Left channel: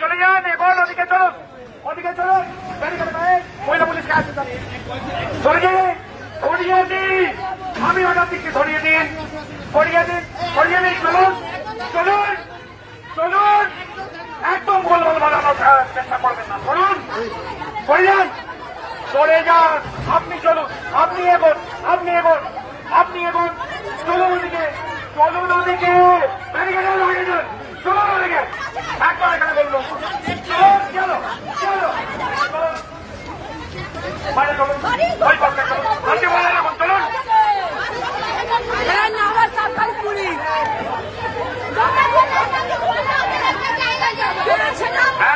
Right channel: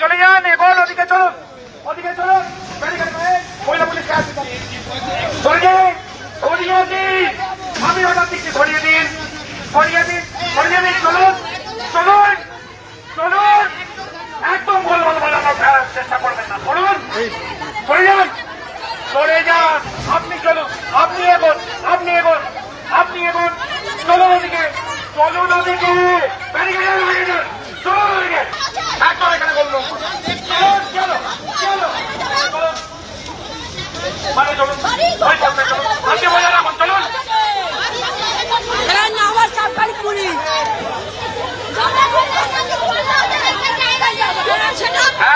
চলে যান, এবার ওদিকে চলুন, ওদিকে চলুন, মহিলা পুলিশকে আসতে সরিয়ে দিন, আমি অর্ডার দিচ্ছি, সরিয়ে দিন, সরিয়ে দিন, সরিয়ে দিন, চলুন চলুন চলুন, একদম গোলমাল বানানোর চেষ্টা করবেন না, চলুন সরে যান, সরে যান, আপনি চলুন, আপনি এগোন, আপনি এগোন, আপনি এগোন, চলুন ওদিকে, চলুন ওদিকে, ব্যারিকেডে লাগিয়ে দিন, চলুন ওদিকে, একদম এখানে বলুন, চলুন, চলো চলো চলুন, মানে চলুন, ভয় করবেন, চলুন, হাতে বলে রাখুন, চলুন।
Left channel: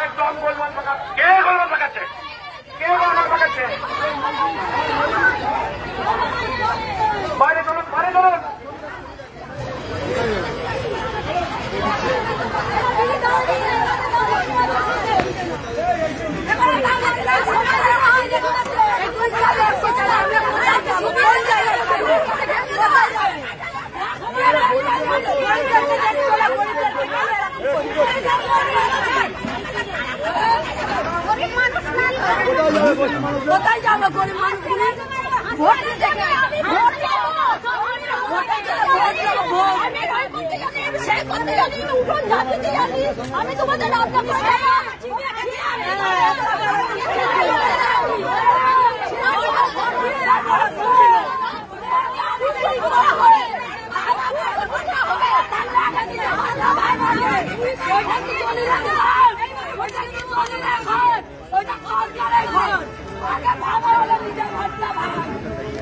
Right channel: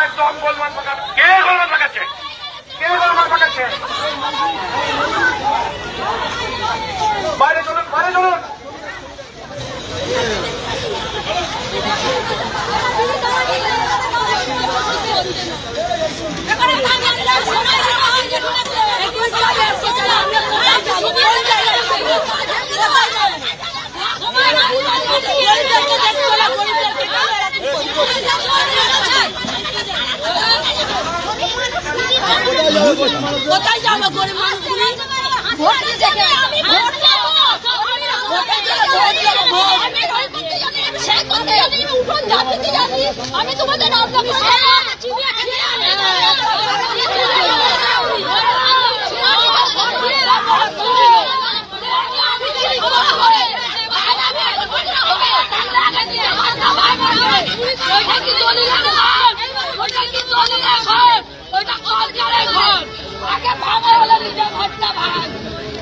একদম বলবেন, কে গোলমাল লাগাচ্ছে, কে গোলমাল লাগাচ্ছে, বাইরে চলুন, বাইরে চলুন, কোথায় যাবো গরিব মানুষগুলো আমি তোমাদের ওইটা সরকারের ঘর, আগে ভাঙা হলে নিজের ঘরটা ভাঙ,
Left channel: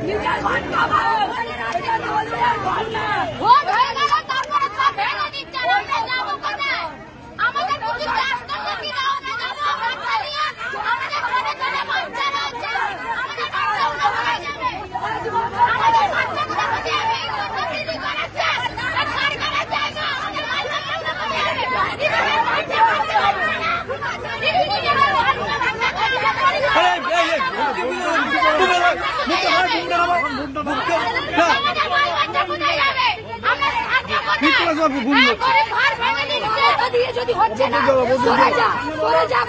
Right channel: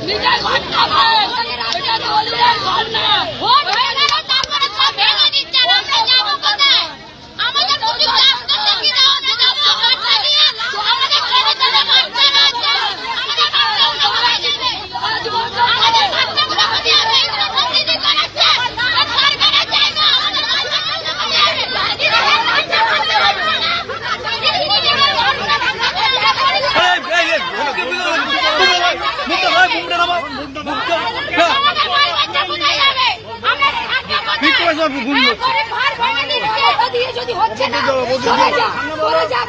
নিজের ঘরটা ভাঙ, এটা দলিলের ঘর না। যদি হচ্ছে না, সরে যা, সরে যা,